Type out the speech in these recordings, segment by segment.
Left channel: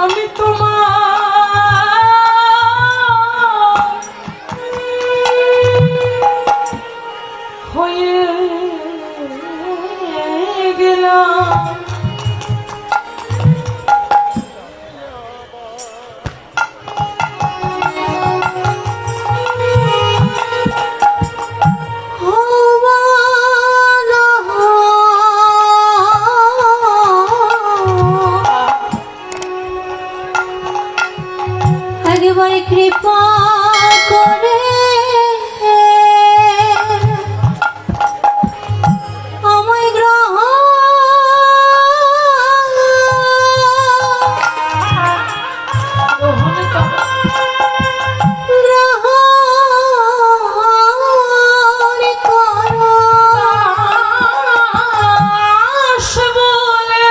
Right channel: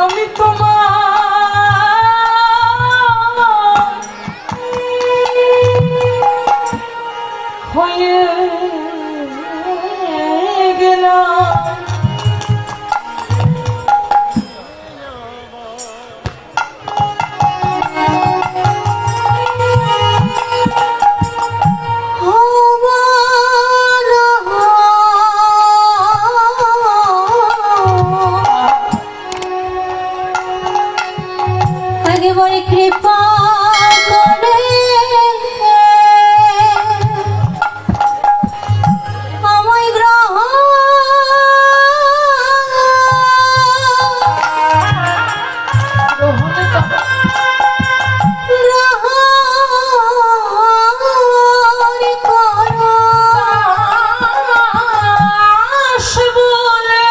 আমি তোমার হয়ে গেলাম। কৃপা করে আমায় গ্রহণ করো বলে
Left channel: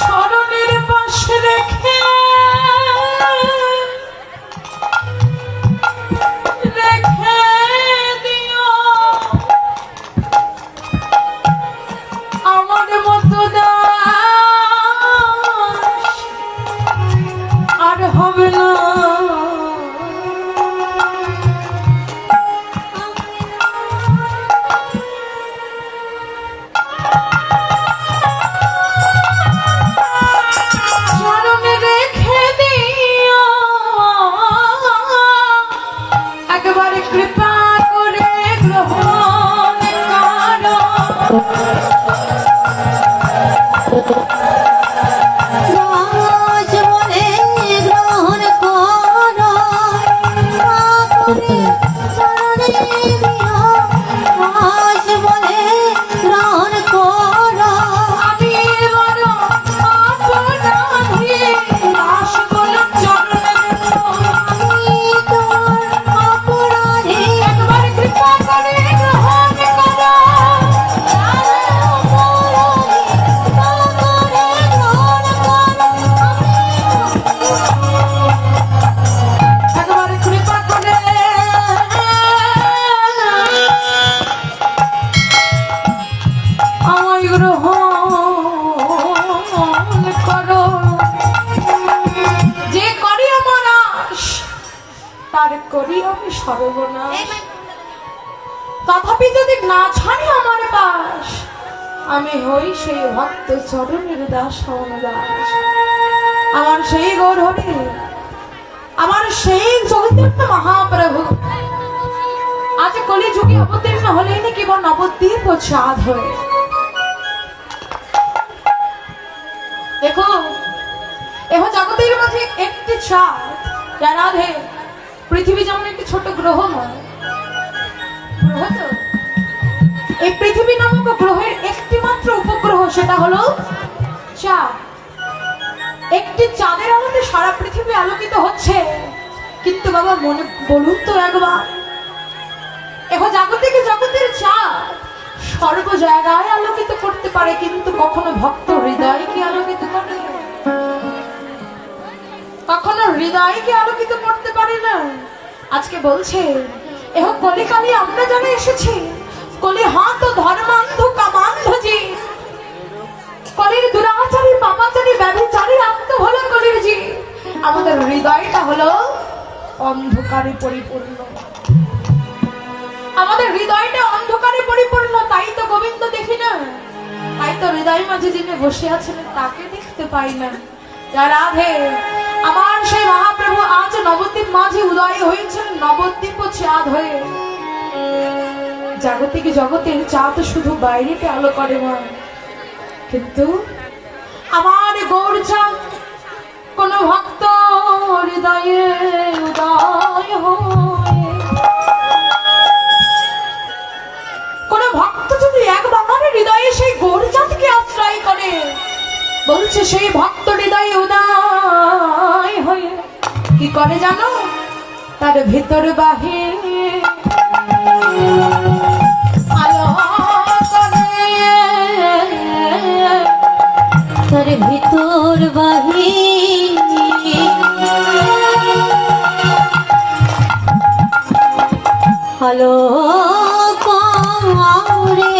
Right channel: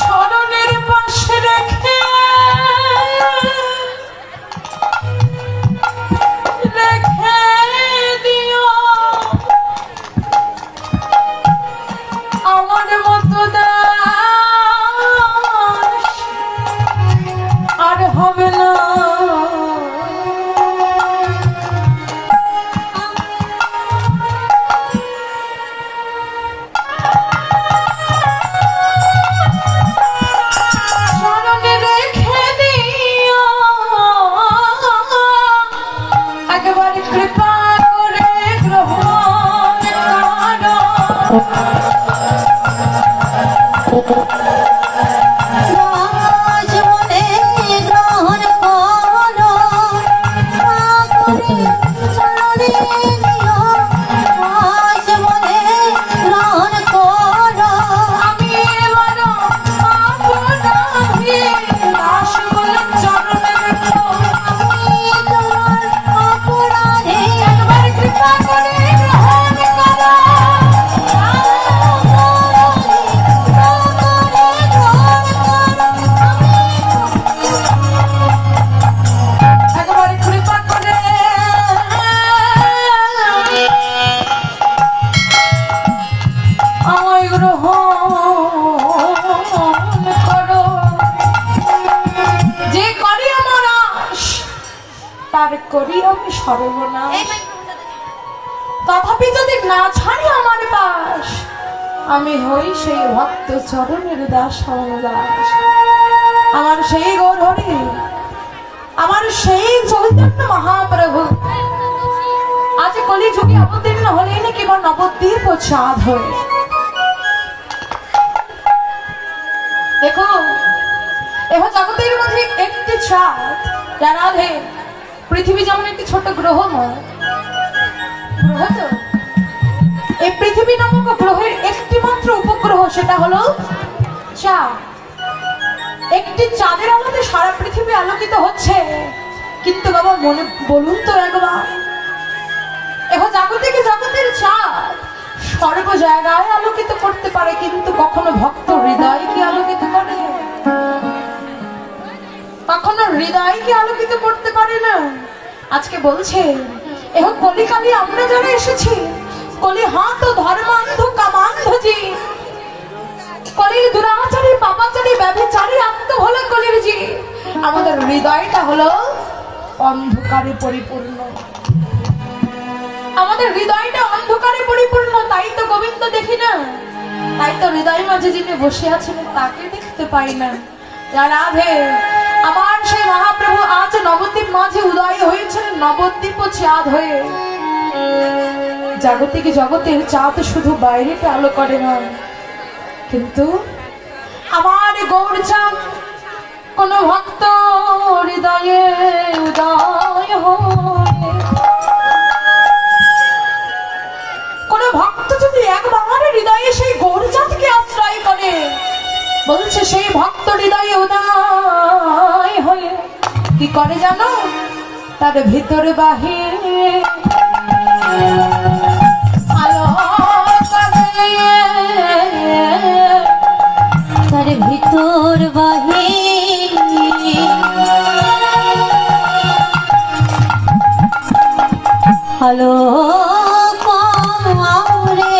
চরণের পাশে রেখে দিও আমার মতো দাস আর হবে না। চরণে রেখে দিও একবারে কৃপা করে গ্রহণ করো। দাস বলে গ্রহণ করো চরণে দিও দাস বলে গ্রহণ করো আমি বড় অপরাধী, দাস বলে চরণে রেখো। আমি তোমার অপরাধী একবারে কৃপা করে গ্রহণ করো। একবারে কৃপা করে আমায় গ্রহণ করো। যে করি আমার আশ তার করি আমি সর্বনাশ। তথাপি যদি না ছাড়ে আমার পাশ, আমি হই সেই ভক্ত চরণের দাস দাস। আমার সেই গৌর হরি, আমার সেই চৈতন্য মহাপ্রভু আজ কলি যুগে অবতীর্ণ হলেন কিংবা নবদ্বীপ ও চাঁদ হয়ে। দেখো এহ জগতের মাঝে একটি চাঁদ, রাধে পৃথিবী যেমন একটি ছোট গ্রহ নয়, গ্রহ তো এই পৃথিবী নামক গ্রহের একটি মাত্র উপগ্রহ, সেটা হলো চাঁদ। একটি চাঁদের আলোতে সারা পৃথিবী আলোকিত হচ্ছে, কিন্তু বাবা মনে বলুন তো একবার, এখন জাগতিক জগতের চাঁদ সর্ব জায়গায় আলোকিত করতে পারে, কিন্তু কখনো ভক্ত হৃদয় কি আলোকিত করে? কখনো হৃদয় কি আলোকিত করতে পারে না। আজকে বলছে এহ কলিকালি আমরা যারা এসেছি, কলি হাত ও ধর্মান্ধ কামান্ধজি, কলির দুরাচারী পাপাচারী ব্যভিচারী আত্ম হলো কলির জি। আমাদের হৃদয়টা হলো অন্ধকারে পরিপূর্ণ, আমাদের হৃদয়টা অন্ধকারে পরিপূর্ণ। তাই তো গোবিন্দ দেখি না, তাই তো হৃদয় মাঝে যিনি বসে আছেন তাকে দেখতে পাই না। রাধে আমার সেই মহাপ্রভু আজ নবদ্বীপ মাঝে উদয় হয়েছেন, নবদ্বীপ চাঁদ হয়ে। জাগতিক জগতের চাঁদ শুধু বাইরেকে আলো করে না, কিন্তু আমার গৌর চাঁদ কোন ভক্ত হৃদয়ে উদয় হয়। কোন ভক্ত যদি একবার হৃদয়ে সেই গৌর চাঁদকে আশ্রয় করে, বলছে সেই ভক্ত হৃদয়ে উদয় হয়ে কি করে জানো? তার ভিতরে বাহিরে আলো করে, তার ভিতর বাহিরে আলো করে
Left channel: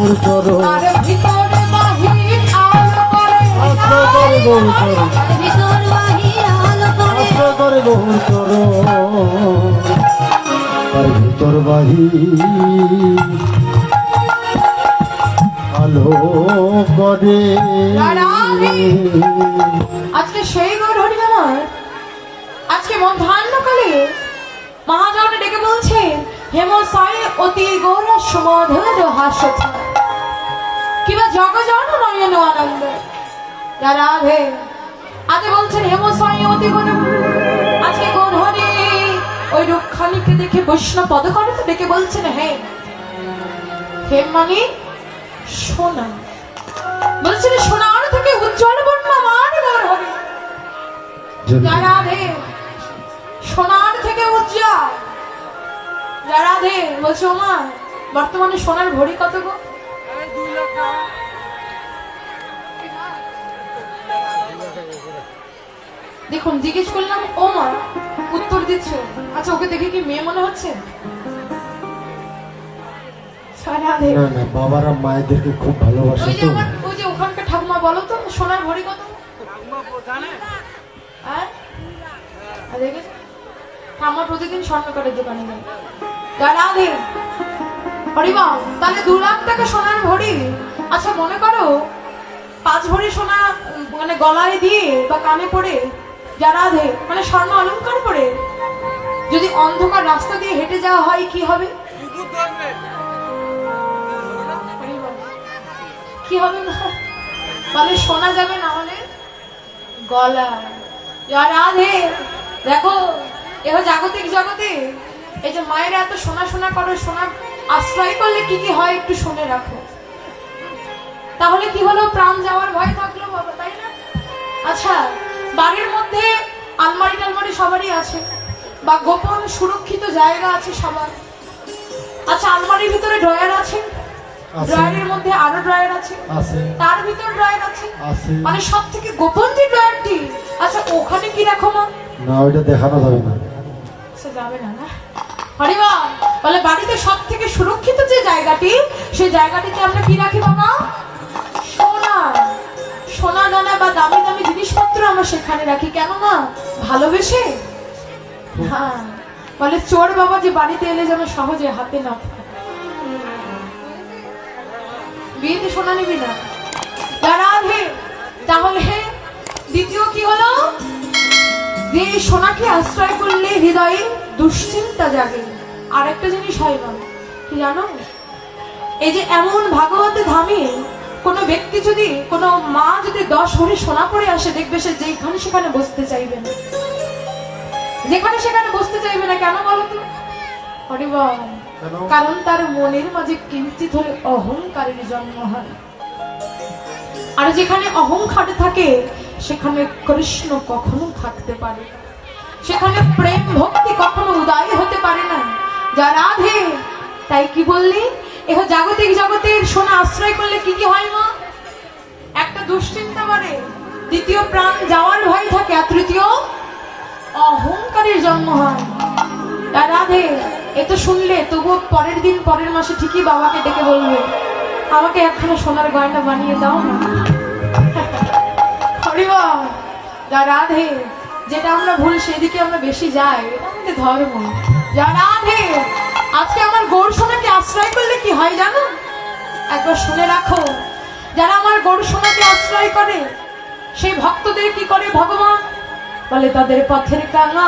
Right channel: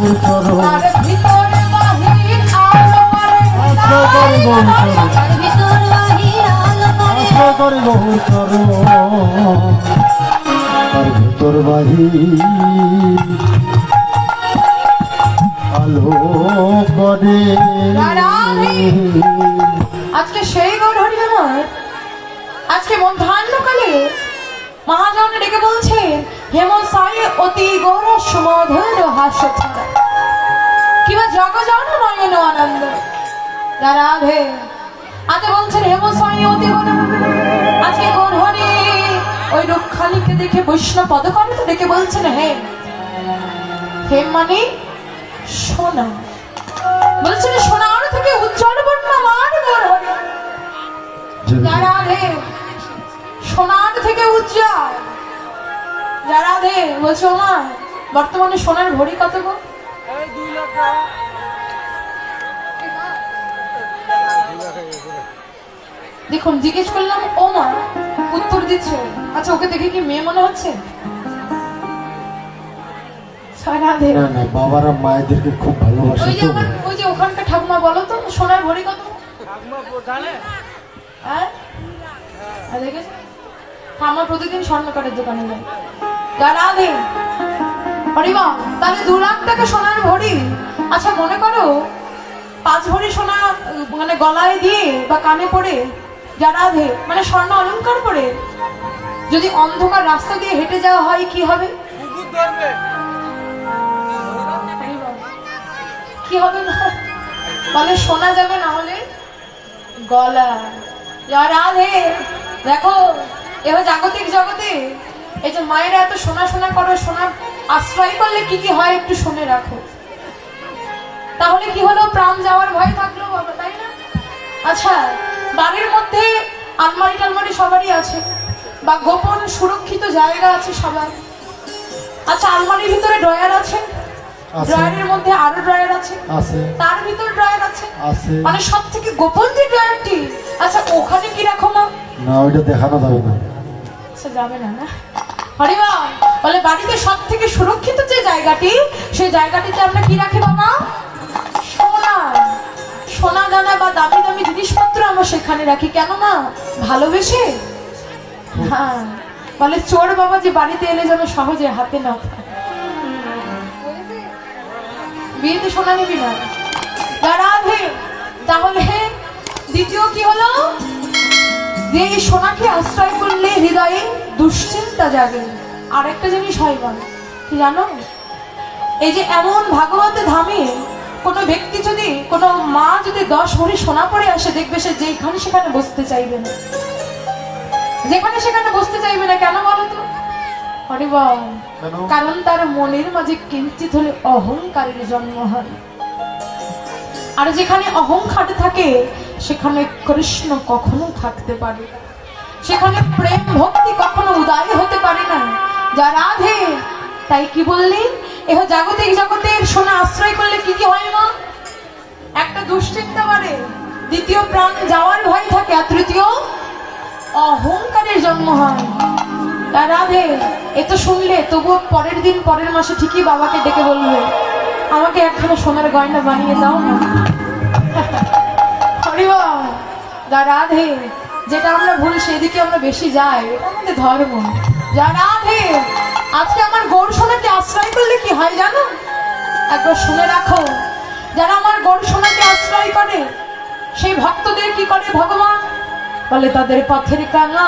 গৌর করো তার ভিতর বাহির আলো করে আশ্রয় করে গৌর করো ভিতর বাহির আলো করে আশ্রয় করে গৌর করো তার ভিতর বাহির আলো করে আজকে সেই গৌর হরি আমার আজকে মধ্যাহ্নকালে মহাজন ডেকে বলছেন হেমসায় অতি গৌর সুমধুর হাস্য ছাড়া কিবা জগজন নয়ন আনন্দ রাধে আজ বলছেন হেমসায় অতি গৌর আজকে গৌর হরি ওই রক্ষানীকে দেখে বৈষ্ণব পদকর্ম ডেকে বলছেন হে মানে সোনা বলছেন সোনার থেকে উজ্জ্বল বর্ণ আমার গৌর হরি রাধে সোনার থেকে উজ্জ্বল রাধে বলছো মা বর্তমানে সোনার ভরি কত গো দেখুন জিজ্ঞেস করলাম ও মা উত্তর দিচ্ছে আচ্ছা ওকে দেখে কি মেয়ে মনে হচ্ছে রাধে না না বাবারা মায়েদেরকে খুব ভালোবাসে ওই যে তো ওই যে ওখানকার ঠাকুমা বলো তো সোনার ভরি কত হ্যাঁ দেখেছো আমার প্রতিদিন স্বর্ণকারের দোকানে যাই রাধে হরিবাম তাহলে 2 লাখ টাকা সোনার ভরি আচ্ছা মনে করো 5 ভরি সোনা মানে গলায় দিয়ে বা কানে পড়ে রাধে মানে স্বর্ণ অলংকার পরে যদি অন্ধকার রাস্তা দিয়ে হেঁটে যাওয়া হয় কি হবে কি হবে না মানে শোনা যাবে না হলে গলা রাধে দেখো এবার জাগতিক জগতে এই যে মায়েরা এত সোনা সোনা করে সোনার আশ্রয় করলে কি কি হয় একটু শুনে রাখো তাহলে কি হলো প্রাণ যাওয়ার ভয় থাকলো বাবা তাই না আচ্ছা বাড়ির মধ্যে আলমারি টালমারি সবারই আছে বা গোপন সুরক্ষিত জায়গা আছে সবার আচ্ছা আলমারির ভিতরে ড্রয়ার আছে ড্রয়ারের মধ্যে আরো ড্রয়ার আছে তার ভিতরে ড্রয়ার আছে মানে সব থেকে গোপন যে ড্রয়ারটি আচ্ছা ওখানে কি রাখো না না ওইটা দেখানো যাবে না আচ্ছা যাবে না না হরিবা বলে বাড়িতে সব থেকে সুরক্ষিত যে জায়গাটি সেই জায়গাটিতে আমরা কি রাখি বাবা সোনা সোনা দানা বা দামি দামি জিনিসপত্র আমরা সেখানে রাখি কেন না ভালোবেসে হ্যাঁ বলে চোর বাবা যে বাড়িতে এলে যেন সহজে হাতে না বিয়েতে সোনা নিবি না রাধে তাহলে দ্বিতীয় কি হলো যে এই সোনাকে আশ্রয় করলে হৃদয়ে দুশ্চিন্তা জাগে আর একটা জিনিস হয় না কি জানো এই যে এমন ভাগবতে ধামে কোনো ব্যক্তি যদি কোনো মা যদি 10 ভরি সোনা পরে আসে দেখবে সে যেখানে সেখানে বসতে চাইবে না যেখানে সেখানে বসতে চাইবে না কেন বলো তো কারণ তার মনের মাঝে কিঞ্চিত হলে অহংকারের জন্ম হয় আর যেখানে অহংকার থাকে সেখানে কৃষ্ণ কখনো থাকতে পারে সেখানে প্রেম ভক্তি কখনো উদয় হতে পারে না যা রাধে তাই কি বললি এহ জাগতিক জগতের সোনা আশ্রয় করলে কি কি হয় মা একটা দুশ্চিন্তা বাড়ে দ্বিতীয় প্রাণ যাওয়ার ভয় থাকে আর তৃতীয় অহংকারের জন্ম হয় রাধে এ তো শুনলে তবুও পরের দিন পরের মাসে ঠিকই বাবাকে ডেকে বলবে আমাকে একখানা সোনার গয়না বানিয়ে দাও না রাধে যেটা আমরা ভুল সেদিকে আমরা বেশি যাই আমাদের ধর্ম যা রাধে আজকে আমার গৌর সোনাকে আশ্রয় করলে কি হয় জানো একবার শুনে রাখো যারা আমার গৌর সোনাকে আশ্রয় করে সেই ভক্তদের কি করে ভগবান বলে তাদের পথের কানা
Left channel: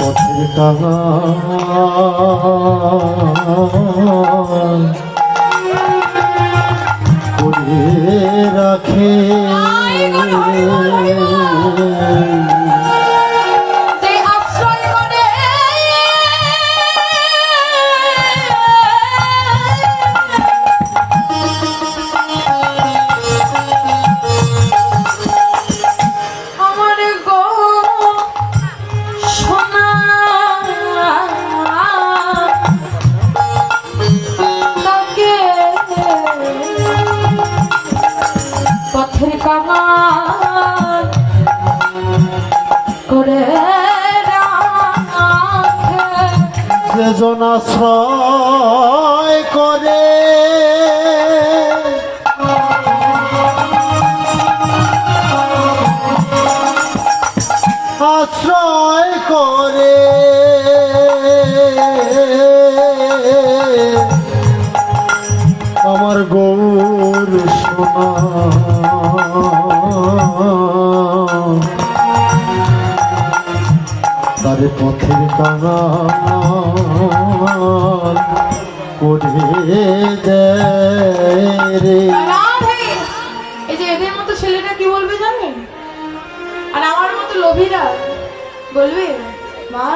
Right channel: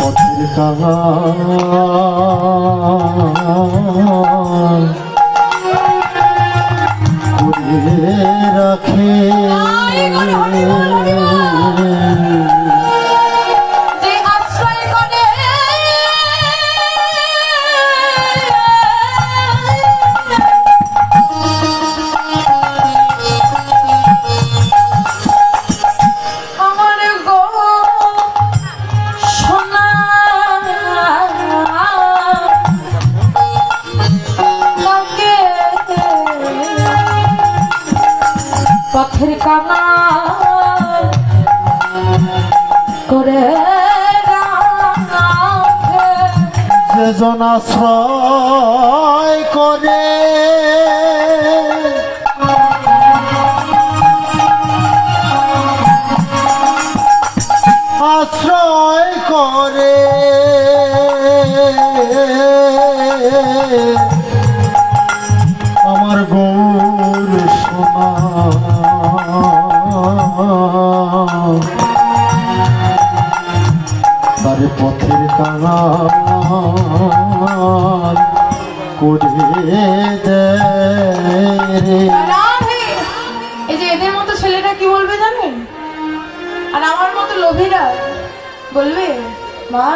পথের কাহা করে রাখে একজন আশ্রয় করে আশ্রয় করে আমার গৌর সোনা তারে পথের কাঙাল করে দেয় রে। রাধে, এই যে এদের মতো ছেলেটা কি বলবে জানেন? আর আমার মতো লোভীরা বলবে, মা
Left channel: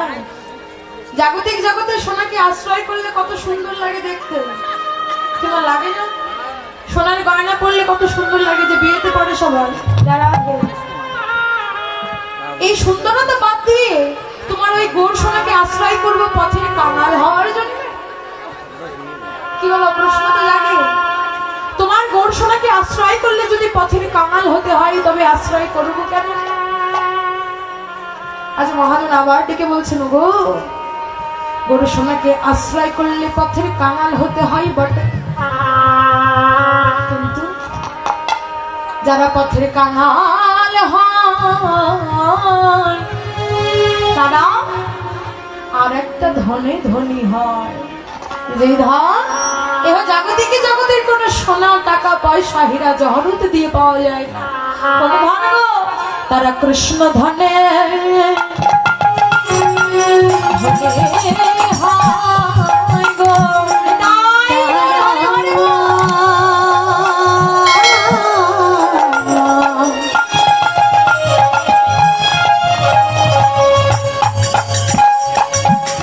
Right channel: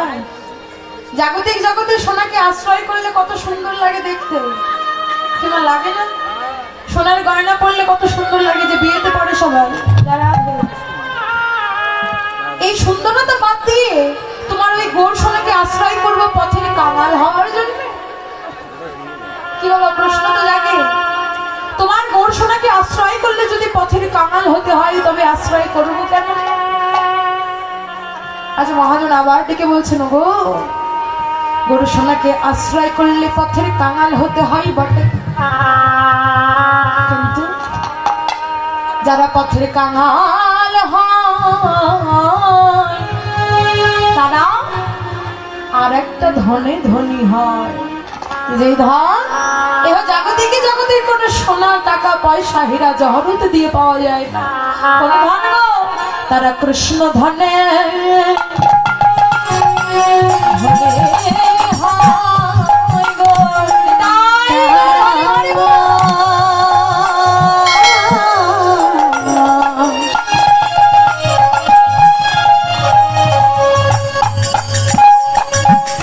জাগতিক জগতের সোনাকে আশ্রয় করলে কত সুন্দর লাগে দেখতে, কিংবা লাগে না? সোনার গয়না পরলে কত সুন্দর লাগে, যে বিয়েতে পড়ে সবাই যারা এই সুন্দরতা বাদ দিয়ে তোমার ওই গোর সোনাকে আশ্রয় করবে পথের কাঙাল হওয়ার জন্য। কি বলো, প্রশ্ন তো লাগে। তোমার গোর সোনাকে আশ্রয় করলে যদি পথের কাঙাল হতে হয়, তবে আশ্রয় করবো কেন? আচ্ছা, মহাজন আবার ডেকে বলছেন, গো গোর সোনাকে আশ্রয় করলে পথের কাঙাল হতে হয় বটে, কিন্তু যারা পথের কাঙাল হয় তারা আর একটা ধনে ধনী হয়। যে ধন এবার জাগতিকে জগতের কোন সোনা টাকা পয়সা হীরা জহরত দিয়ে পাওয়া যায় না। কোন ধন গো? তারা কৃষ্ণ ধনে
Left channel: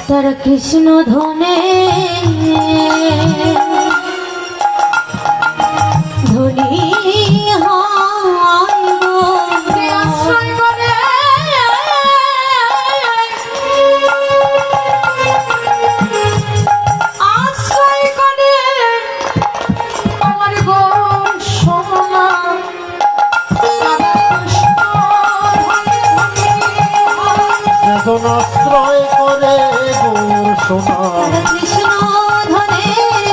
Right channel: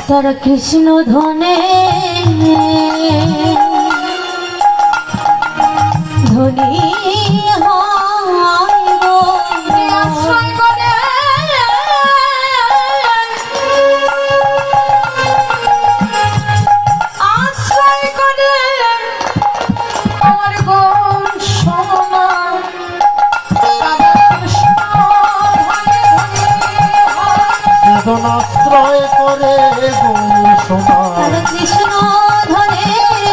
তারা কৃষ্ণ ধনে ধনী আশ্রয় করে আশ্রয় করে আমার গোর সোনা একজন আশ্রয় করে গৌর সোনা তারা কৃষ্ণ ধনে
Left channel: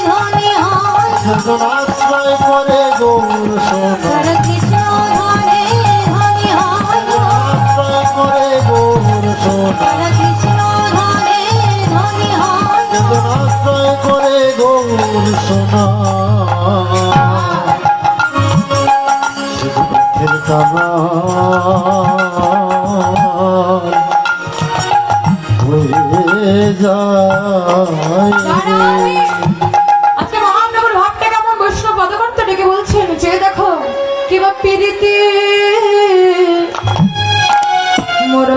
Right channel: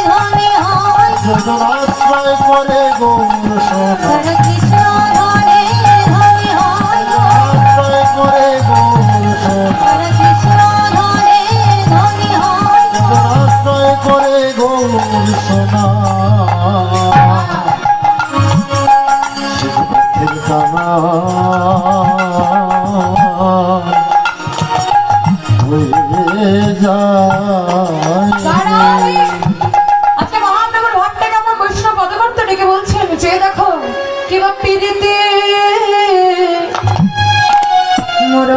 ধনী হয় একজন আশ্রয় করে গৌর সোনা তারা কৃষ্ণ ধনে ধনী হয় আশ্রয় করে গৌর সোনা তারা কৃষ্ণ ধনে ধনী হয় একজন আশ্রয় করে গৌর সোনা সে পথের কাঙাল হয়ে যায়। আজকে মহানগর ভাবটাকে আমার বৈষ্ণব পদবন্ত ডেকে বলছেন, যে দেখো কিবা পিড়িতে মোর